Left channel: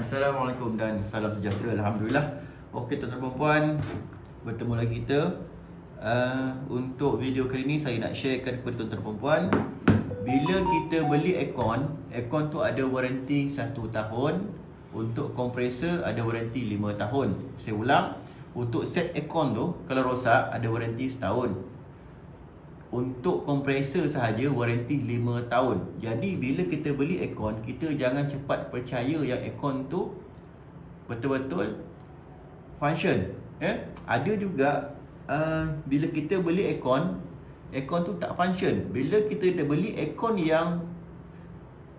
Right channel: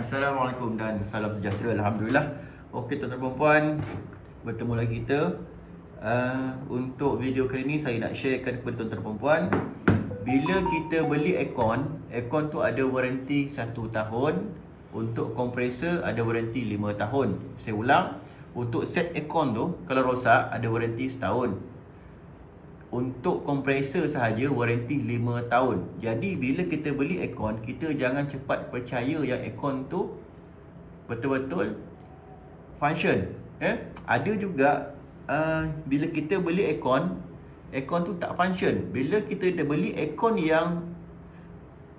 Assalamualaikum dan salam sejahtera. Alhamdulillah. Okey tuan-tuan dan puan, bertemu lagi kita. Untuk video kali ini saya nak sharekan kepada tuan-tuan dan puan, bila kita beli aircon tu ada waranti 1 tahun. Untuk kompresor ada waranti 5 tahun. Saya ulang, untuk set aircon tu kalau rosak ada waranti setahun. Untuk kompresor sahaja waranti 5 tahun. Jadi bila kita beli aircon, kita jangan cepat percaya yang aircon tu betul-betul function. Ada juga bila kita beli aircon tu tak function. Bila kita dah beli aircon yang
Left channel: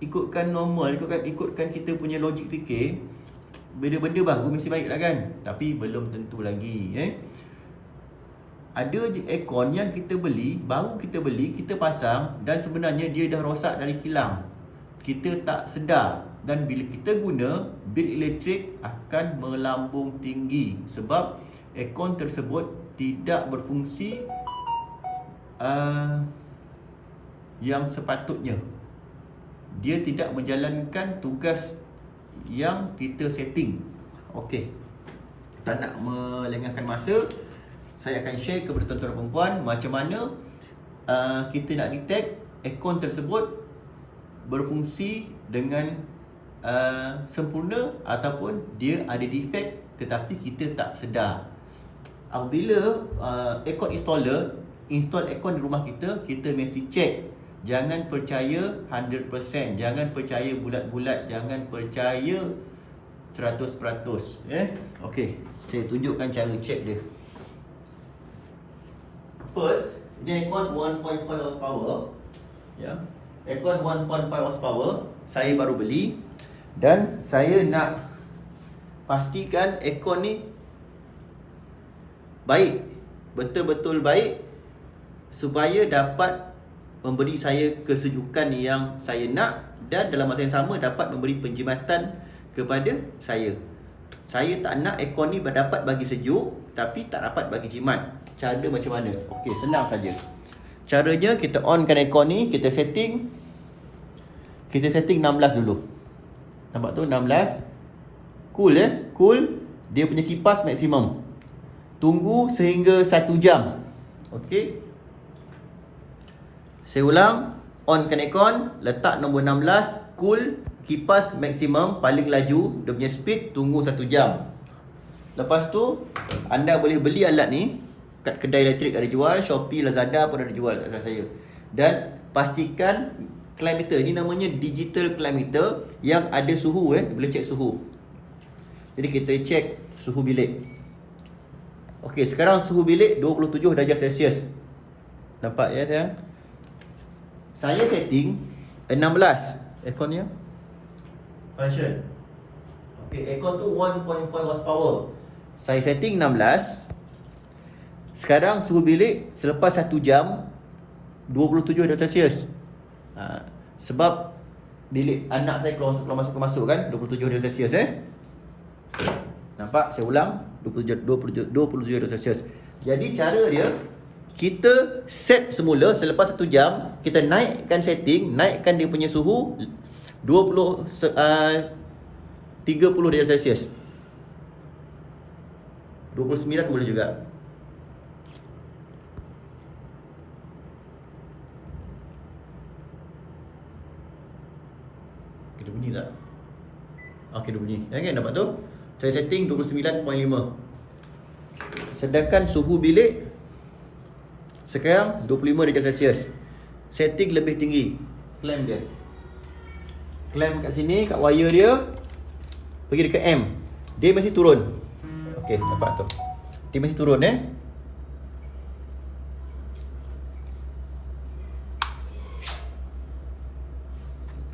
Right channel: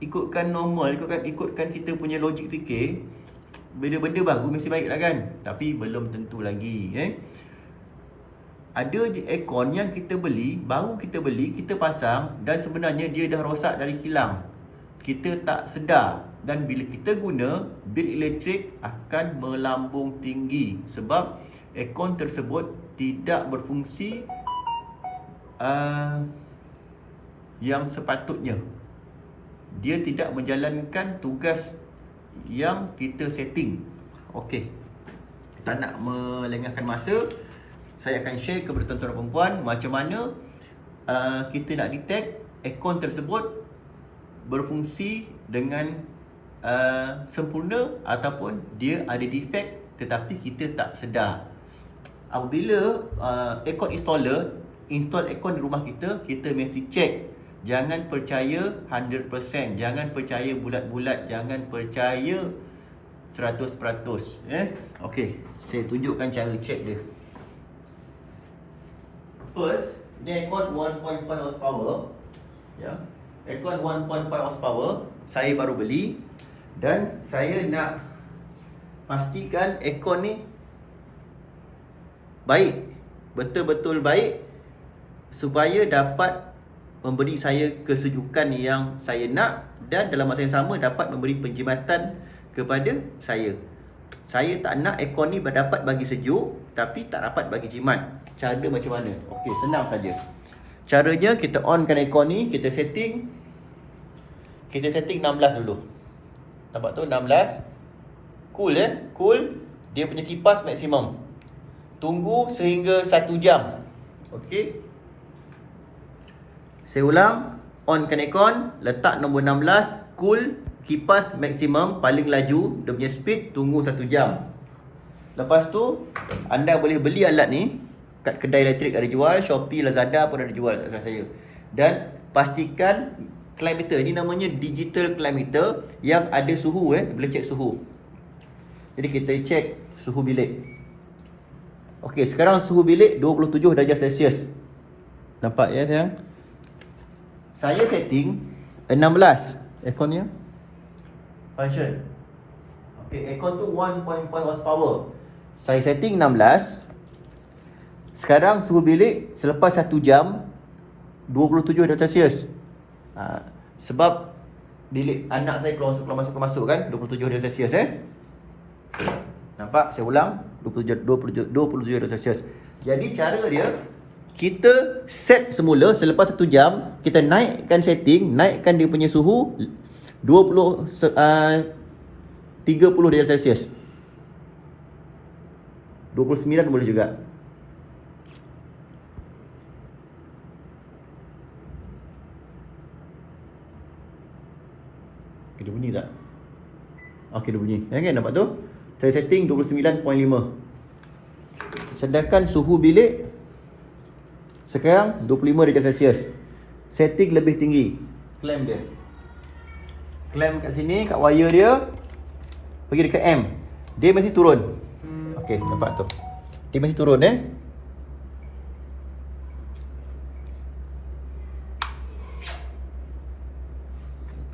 ikutkan normal, ikutkan kita punya logik fikir, benda-benda baru mesti baik lah kan. Tapi belum tentu lagi. Ada je aircon yang kita beli, baru kita beli, kita pasang dan sebenarnya dia dah rosak dari kilang. Kita tak sedar, dan bila kita guna, bil elektrik akan melambung tinggi sebab aircon tersebut tidak berfungsi yang sepatutnya. Dia tidak menjalankan tugas yang kita setting. Okey, tak nak melengahkan masa, saya akan share kepada tuan-tuan dan perempuan macam mana kita nak detect aircon tersebut berfungsi dengan sempurna ataupun dia ada defect tetapi kita tak sedar. Apabila aircon installer install aircon di rumah kita, kita mesti check. Jangan percaya 100%, jangan percaya bulat-bulat, jangan percaya 100%. Okey, saya tunjukkan cara check dia. First, ini aircon 1.5 horsepower. Aircon 1.5 horsepower saya baru beli dan saya nak pastikan aircon ni baik, betul-betul baik, supaya dapat memberi saya kesejukan yang saya nak dan dalam masa yang sama dapat memberi penjimatan kepada saya. Saya tak nak aircon ni dapat bagi sejuk tapi tak dapat bagi jimat. Cara macam mana? Okey, senang saja. Caranya kita onkan aircon ni, kita setting 16 dulu. Nampak tu 16. Cool cool. Dia punya kipas maksimum. Tunggu sehingga 1 jam. Okey. Saya ulang, onkan aircon, letak nombor 16, cool, kipas maksimum, paling laju, dia punya speed, tunggu 1 jam. Lepas tu, anda boleh beli alat ni kat kedai elektrik ada jual, Shopee, Lazada pun ada jual, tak salah saya. Dan pastikan climb meter, ni namanya digital climb meter yang ada suhu, boleh cek suhu. Jadi kita cek suhu bilik. Okey, sekarang suhu bilik 27 darjah Celsius. Nampak ya sayang? Saya setting 16 airconnya function. Okey, aircon tu 1.5 horsepower. Saya setting 16. Sekarang suhu bilik selepas 1 jam 27 darjah Celsius. Sebab bilik anak saya keluar masuk kan 27 darjah Celsius Nampak? Saya ulang 27 darjah Celsius. Jadi cara dia, kita set semula selepas 1 jam, kita naikkan setting, naikkan dia punya suhu 30 darjah Celsius. 29 boleh juga. Dia bunyi tak? Okey, dia bunyi. Kan nampak tu? Saya setting 29.5. Sedangkan suhu bilik sekarang 25 darjah Celsius. Setting lebih tinggi. Clamp dia. Clamp kat sini, kat wire dia. Pergi dekat M. Dia mesti turun. Okey, nampak tu. Dia mesti turun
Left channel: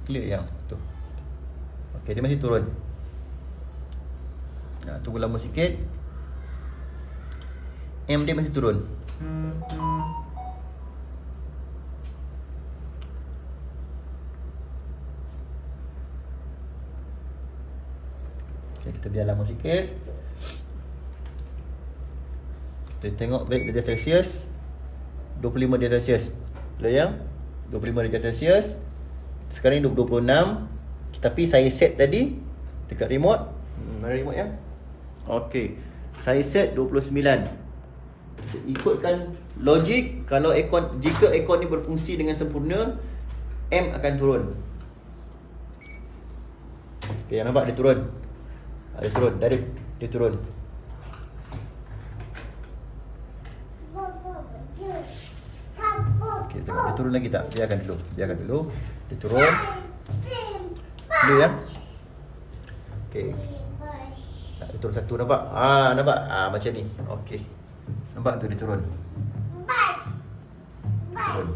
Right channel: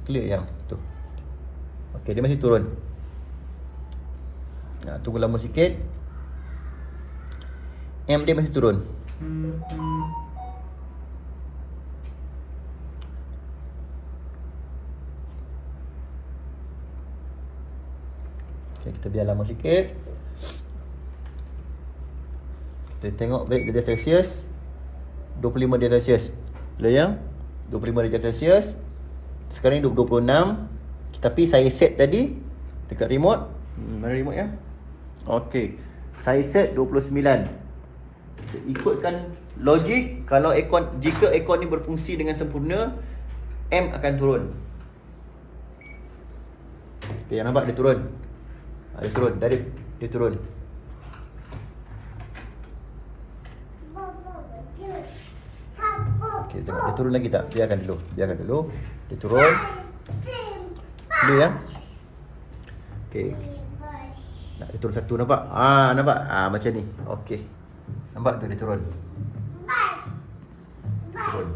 Clear yang tu. Okey, dia mesti turun. Tunggu lama sikit. M dia mesti turun. Okay, kita biar lama sikit. Kita tengok balik darjah Celsius 25 darjah Celsius. Boleh ya? 25 darjah Celsius. Sekarang ni 26. Tapi saya set tadi Dekat remote. Mana remote ya? Okey. Saya set 29. Ikutkan logik, kalau aircon, jika aircon ni berfungsi dengan sempurna, M akan turun. Okey, yang nampak dia turun. Dia turun, dia turun. Okey, tengok dia turun lagi tak? Biarkan dulu. Dia turun. Clear ya? Okey. Nak dia turun satu, nampak? Nampak? Macam ni. Okey. Nampak tu dia turun. Turun.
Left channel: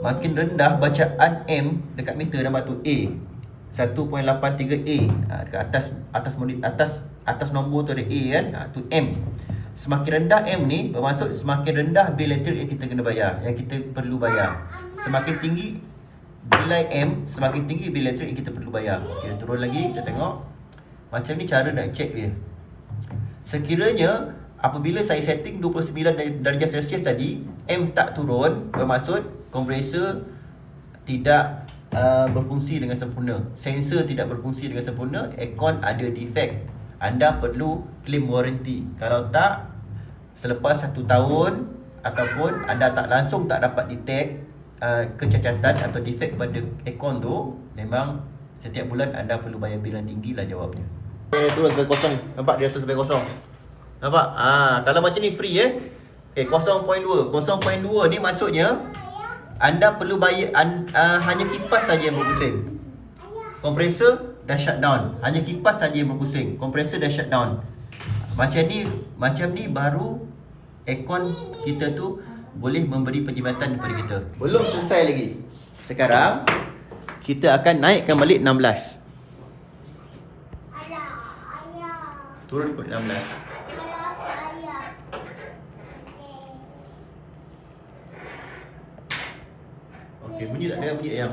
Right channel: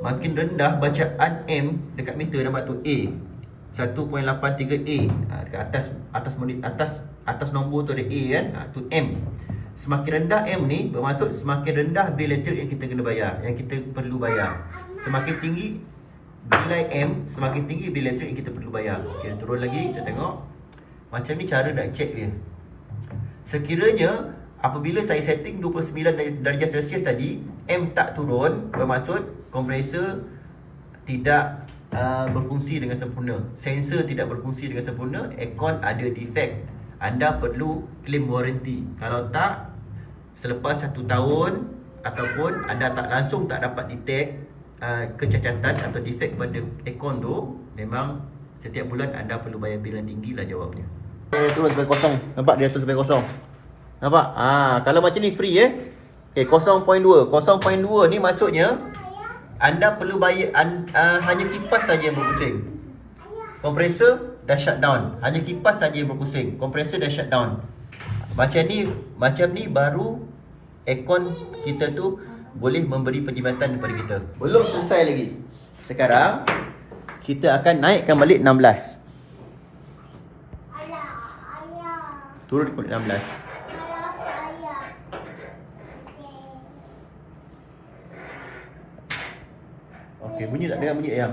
Makin rendah bacaan M dekat meter, nampak tu A 1.83A. Dekat atas nombor tu ada A kan. Tu M. Semakin rendah M ni bermaksud semakin rendah bil elektrik yang kita kena bayar, yang kita perlu bayar. Semakin tinggi nilai M, semakin tinggi bil elektrik yang kita perlu bayar. Okey, turun lagi, kita tengok. Macam ni cara nak check dia. Sekiranya apabila saya setting 29 darjah Celsius tadi, M tak turun, bermaksud kompresor tidak berfungsi dengan sempurna. Sensor tidak berfungsi dengan sempurna, aircon ada defect. Anda perlu claim warranty. Kalau tak, selepas 1 tahun ataupun anda langsung tak dapat detect kecacatan atau defect pada aircon tu, memang setiap bulan anda perlu bayar bil yang tinggi lah jawabnya. Dia turun sampai kosong. Nampak dia turun sampai kosong. Nampak? Kalau macam ni free 0.2. 0.2 ni maksudnya anda perlu bayar hanya kipas saja yang berpusing. Kompresor dah shut down. Hanya kipas saja yang berpusing. Kompresor dah shut down. Macam ni baru aircon kita tu boleh memberi perkhidmatan kepada kita. Belum selesai lagi. Sekarang kita akan naikkan balik 16. Turun ke 16. Okey, bunyi tak dia? Bunyi ayam.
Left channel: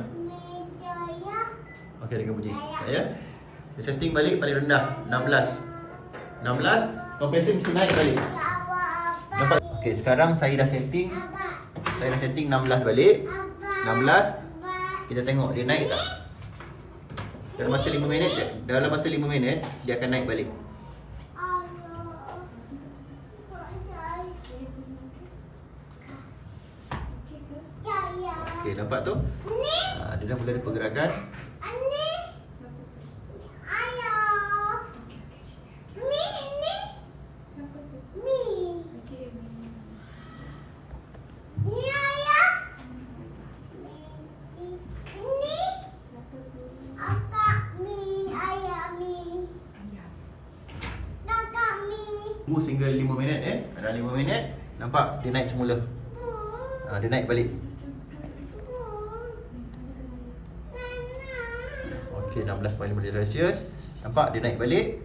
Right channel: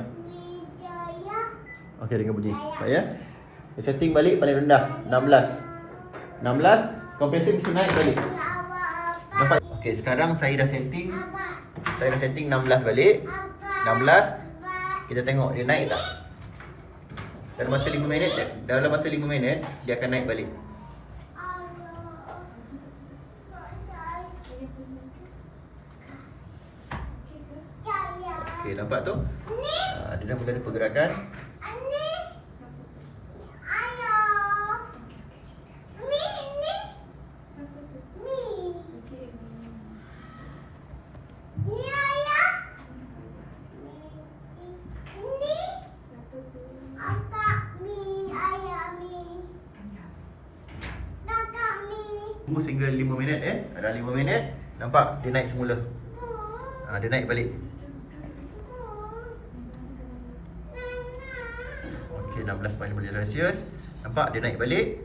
Okey, dengar bunyi. Ya. So, setting balik paling rendah 16. 16, kompresor mesti naik balik. Nampak? Okey, sekarang saya dah setting 16 balik. 16. Kita tengok dia naik tak? Dalam masa 5 minit dia akan naik balik. Okey, nampak tu? Dia dah mula ada pergerakan. Tunggu sehingga 5 minit Ada 5 minit. Nampak dia naik semula. Dia naik balik. Okey, 16.5 Celsius. Nampak dia naik balik.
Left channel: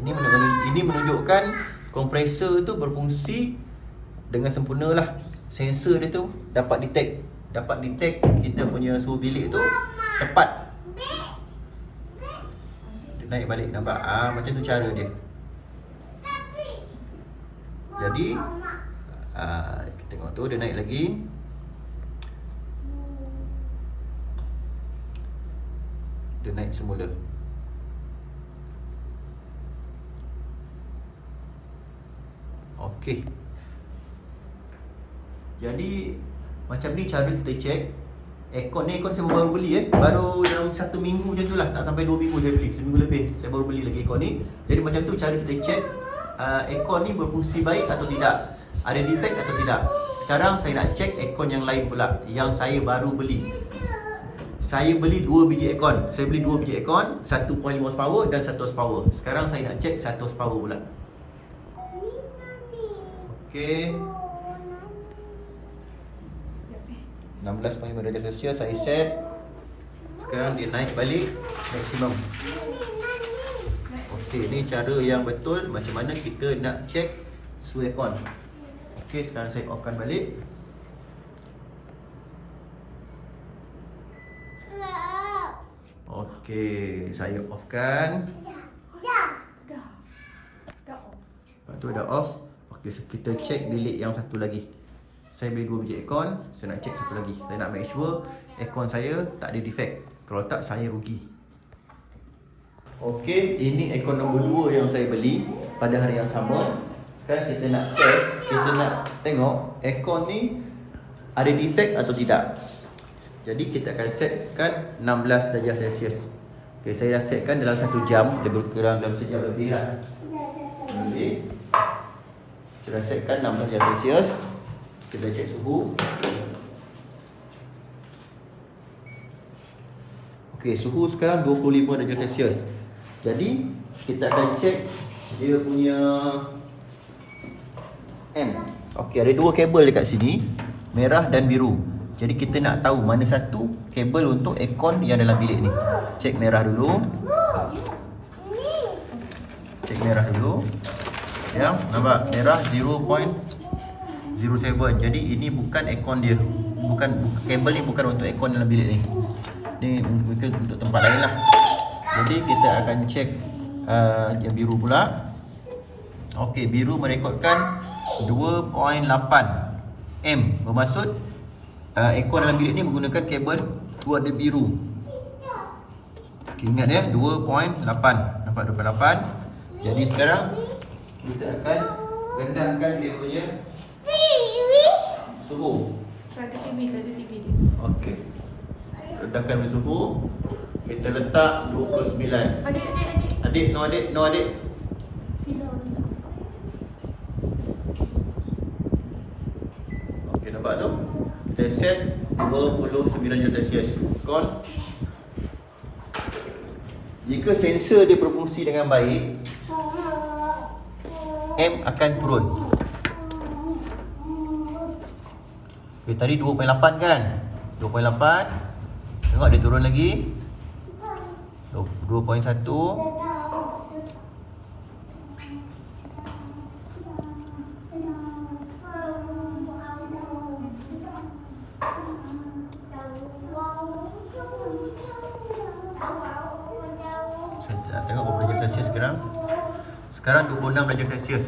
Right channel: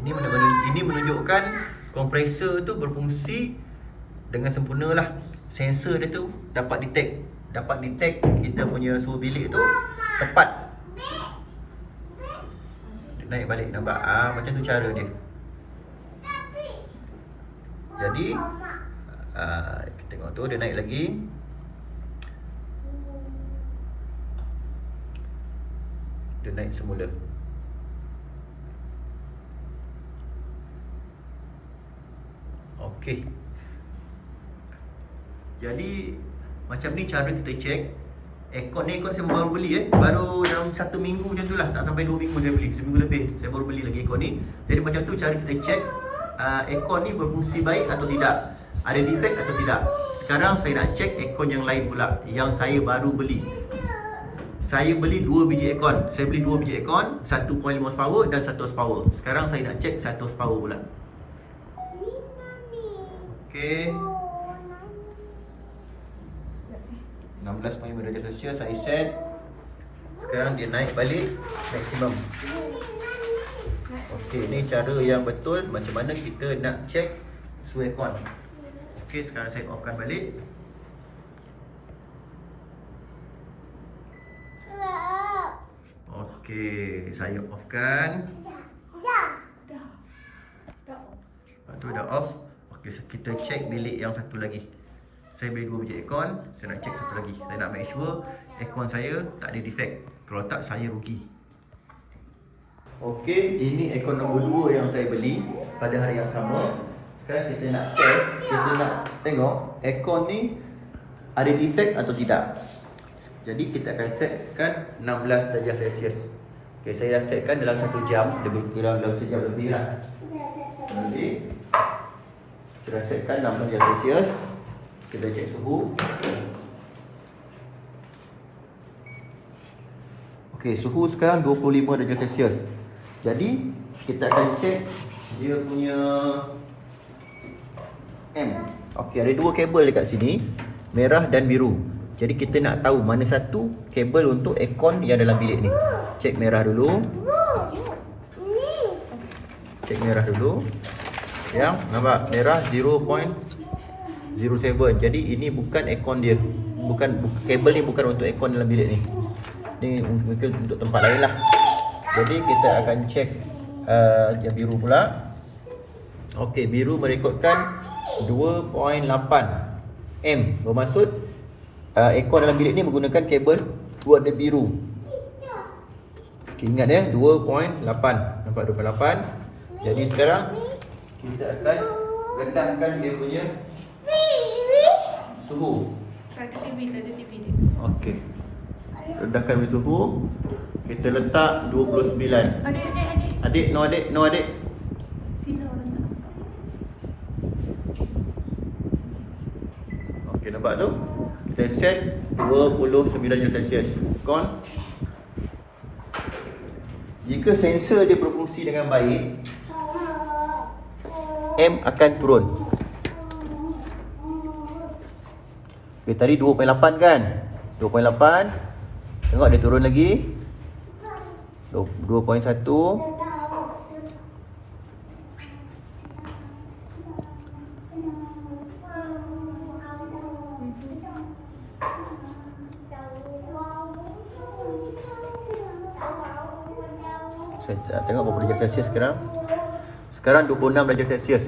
Ini menunjukkan kompresor tu berfungsi dengan sempurna lah. Sensor dia tu dapat detect kita punya suhu bilik tu tepat. Dia naik balik, nampak? Macam tu cara dia. Jadi kita tengok tu dia naik lagi. Dia naik semula. Okey. Jadi macam ni cara kita check. Aircon saya baru beli baru dalam 1 minggu macam tu lah. Tak sampai 2 minggu saya beli. Seminggu lebih saya baru beli lagi aircon ni. Jadi macam tu cara kita check aircon ni berfungsi baik atau tidak, ada defect atau tidak. Sekarang saya nak check aircon yang lain pula, yang saya baru beli. Saya beli 2 biji aircon. Saya beli 2 biji aircon, 1.5 horsepower dan 1 horsepower. Sekarang saya nak check 1 horsepower pula. Okey. 16.5 darjah Celsius saya set. Sekarang dia naik balik maksimum. Okey, ni cara yang betul macam mana kita nak check suhu aircon. Okey, sekarang saya offkan balik. Okey, saya offkan. Lepas tu dah off. Okay, so kita check bilik yang satu lagi. Saya beli 2 biji aircon, saya nak check satu lagi. Saya nak make sure aircon saya tak ada defect. Kalau tak, saya rugi. Okey, ini aircon nombor 2 yang saya beli pada hari yang sama. Sekarang kita nak test, kita nak tengok aircon ni ada defect atau tidak. Jadi kita akan setkan 16 darjah Celsius. Okey, saya dah setkan dalam 1 jam. Dia berkurang dalam sejam lebih lah. Lebih. Kita dah setkan 16 darjah Celsius. Kita cek suhu. Okey, suhu sekarang 25 darjah Celsius. Jadi kita akan cek dia punya M. Okey, ada 2 kabel dekat sini, merah dan biru. Jadi kita nak tahu mana satu kabel untuk aircon yang dalam bilik ni. Cek merah dulu. Cek merah dulu. Ya, nampak merah 0.07. Jadi ini bukan aircon dia. Bukan kabel ni bukan untuk aircon dalam bilik ni. Ni mungkin untuk tempat lain lah. Jadi kita akan cek yang biru pula. Okey, biru merekodkan 2.8 M. Bermaksud aircon dalam bilik ni menggunakan kabel warna biru. Okay, ingat ya, 2.8. Nampak 2.8. Jadi sekarang kita akan rendahkan dia punya suhu. Okey. Rendahkan suhu. Kita letak 29. Adik, no adik. Sila orang tak nampak. Okey, nampak tu? Kita set 29 darjah Celsius. Kon. Jika sensor dia berfungsi dengan baik, M akan turun. Okay, tadi 2.8 kan? 2.8. Tengok dia turun lagi. 2.1. Saya tengok berapa darjah Celsius sekarang. Sekarang 26 darjah Celsius.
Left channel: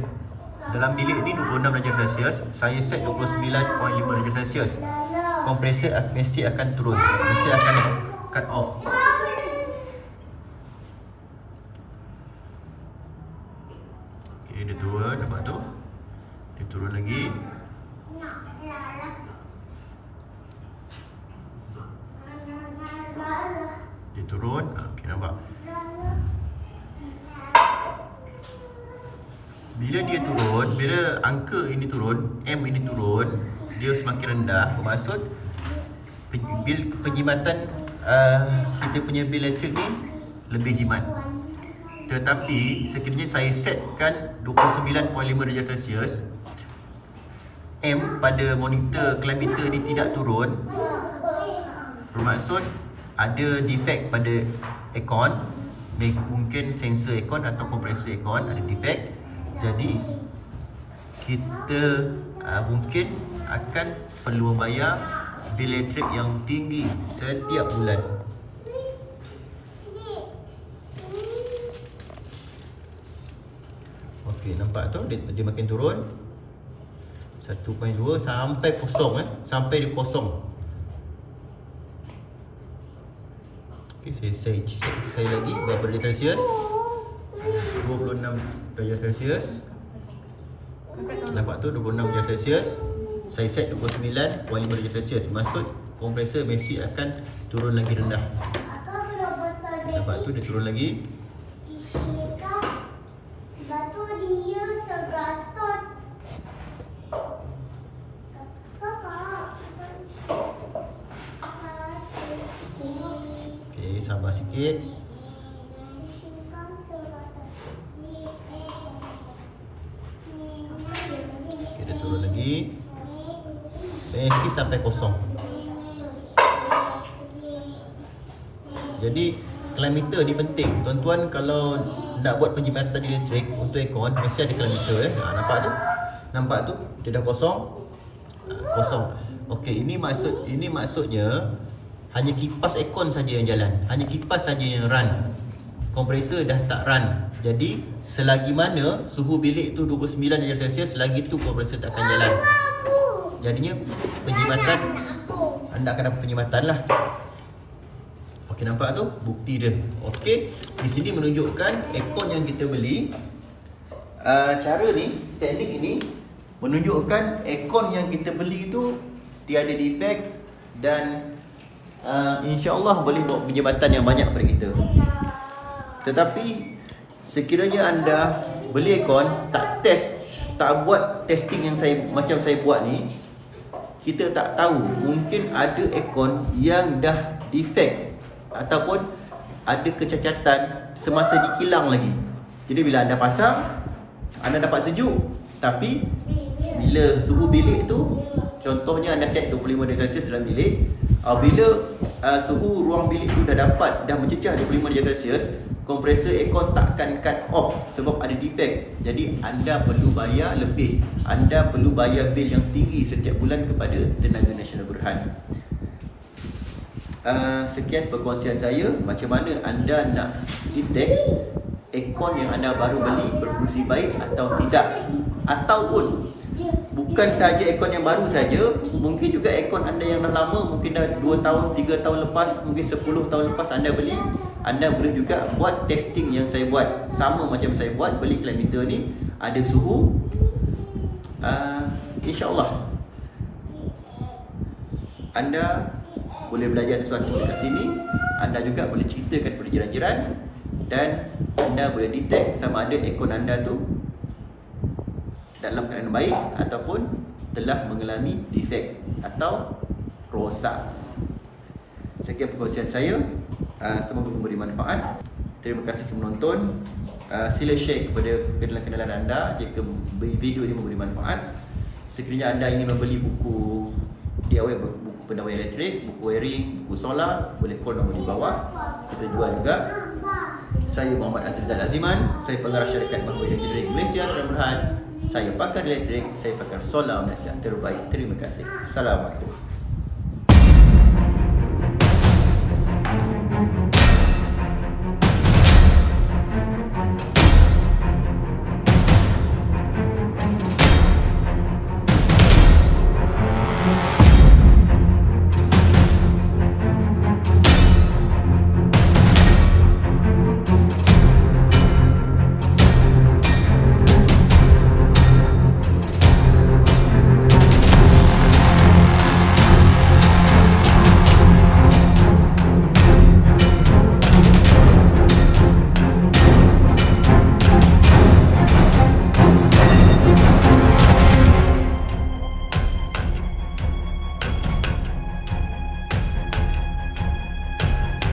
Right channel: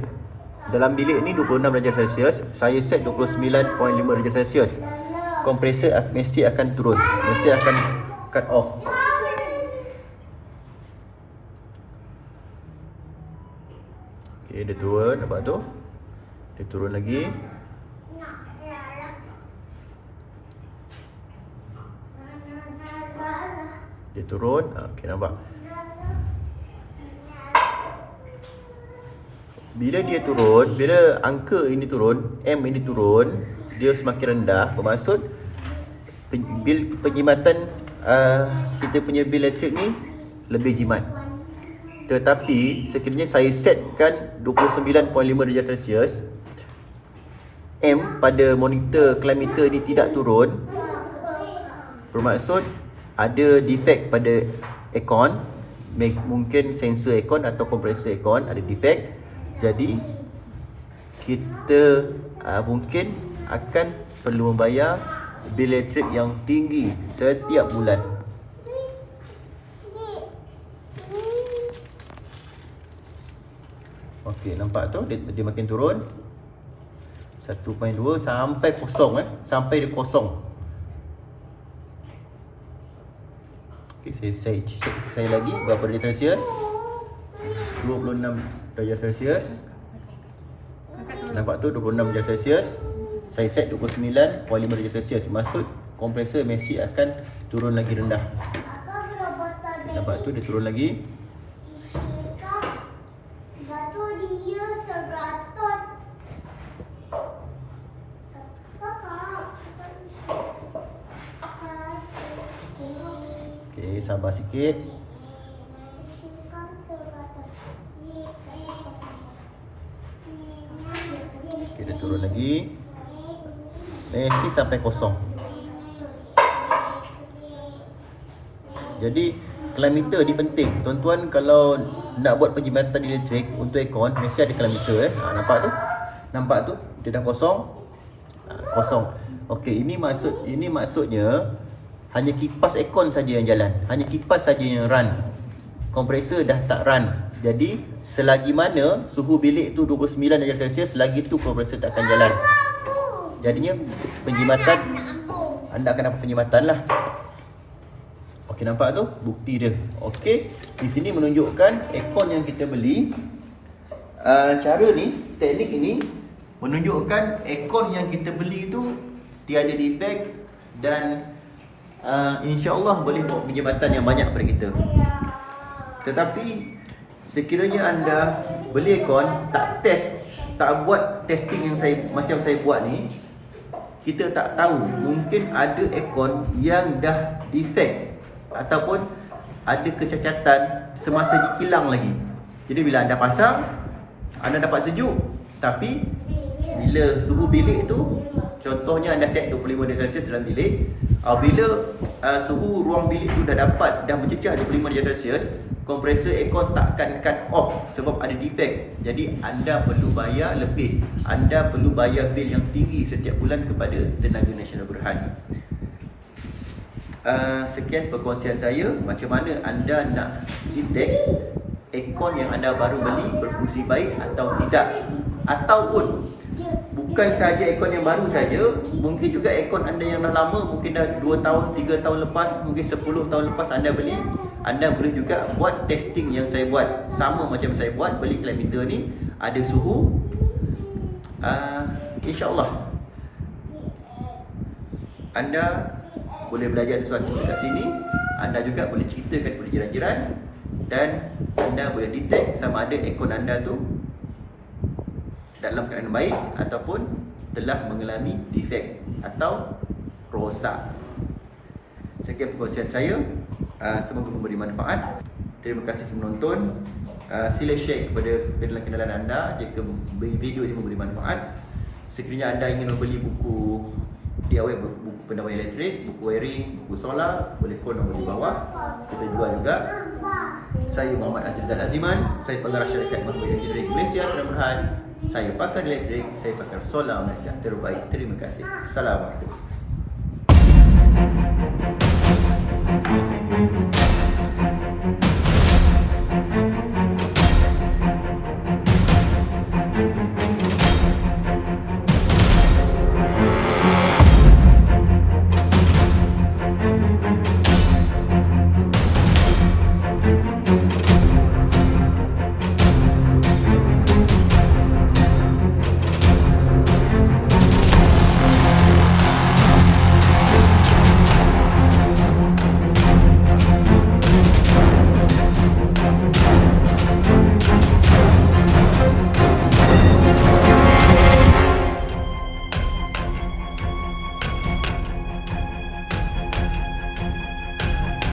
Dalam bilik ni 26 darjah Celsius. Saya set 29.5 darjah Celsius. Kompresor mesti akan turun. Mesti akan cut off. Okey, dia turun. Nampak tu? Dia turun lagi. Dia turun. Okey, nampak? Bila dia turun, bila angka ini turun, M ini turun, dia semakin rendah. Bermaksud bil penjimatan kita punya bil elektrik ni lebih jimat. Tetapi sekiranya saya setkan 29.5 darjah Celsius, M pada monitor climate meter ni tidak turun, bermaksud ada defect pada aircon. Mungkin sensor aircon atau kompresor aircon ada defect. Jadi kita mungkin akan perlu membayar bil elektrik yang tinggi setiap bulan. Okey, nampak tu dia makin turun. 1.2 sampai kosong sampai dia kosong. Okey, saya lagi berapa darjah Celsius? 26 darjah Celsius. Nampak tu 26 darjah Celsius. Saya set 29.5 darjah Celsius. Maksud kompresor mesti akan turun lagi rendah. Nampak tu dia turun lagi. Okey, sabar sikit. Dia turun lagi. Mesti sampai kosong. Jadi climate meter ni penting. Tuan-tuan kalau nak buat penjimatan elektrik untuk aircon, mesti ada climate meter nampak tu? Nampak tu? Dia dah kosong. Kosong. Okey, ini maksudnya hanya kipas aircon saja yang jalan. Hanya kipas saja yang run. Kompresor dah tak run. Jadi selagi mana suhu bilik tu 29 darjah Celsius, selagi tu kompresor tak akan jalan. Jadinya penjimatan, anda akan dapat penjimatan lah. Okey, nampak tu bukti dia. Okey, di sini menunjukkan aircon yang kita beli. Cara ni, teknik ini menunjukkan aircon yang kita beli tu tiada defect dan insya-Allah boleh bawa penjimatan yang banyak pada kita. Tetapi sekiranya anda beli aircon, tak test, tak buat testing yang macam saya buat ni, kita tak tahu, mungkin ada aircon yang dah defect ataupun ada kecacatan semasa dikilang lagi. Jadi bila anda pasang, anda dapat sejuk, tapi bila suhu bilik tu, contohnya anda set 25 darjah Celsius dalam bilik, bila suhu ruang bilik tu dah mencecah 25 darjah Celsius, kompresor aircon tak akan cut off sebab ada defect. Jadi anda perlu bayar lebih. Anda perlu bayar bil yang tinggi setiap bulan kepada Tenaga Nasional Berhad. Sekian perkongsian saya, macam mana anda nak detect aircon yang anda baru beli berfungsi baik atau tidak. Ataupun bukan saja aircon yang baru saja, mungkin juga aircon anda yang dah lama, mungkin dah 2 tahun, 3 tahun lepas, mungkin 10 tahun lepas anda beli. Anda boleh juga buat testing yang saya buat, sama macam saya buat, beli Climeter ni, ada suhu. InsyaAllah anda boleh belajar sesuatu dekat sini. Anda juga boleh ceritakan kepada jiran-jiran, dan anda boleh detect sama ada aircon anda tu dalam keadaan baik ataupun telah mengalami defect atau rosak. Sekian perkongsian saya, semoga memberi manfaat. Terima kasih kerana menonton. Sila share kepada kenalan-kenalan anda jika video ini memberi manfaat. Sekiranya anda ingin membeli buku DIY, buku pendamaian elektrik, buku wiring, buku solar, boleh call nombor di bawah. Kita jual juga. Saya Muhammad Azrizal Aziman, saya pengarah syarikat Mahmud Elektrik Malaysia Sdn Bhd. Saya pakar elektrik, saya pakar solar Malaysia terbaik. Terima kasih. Assalamualaikum.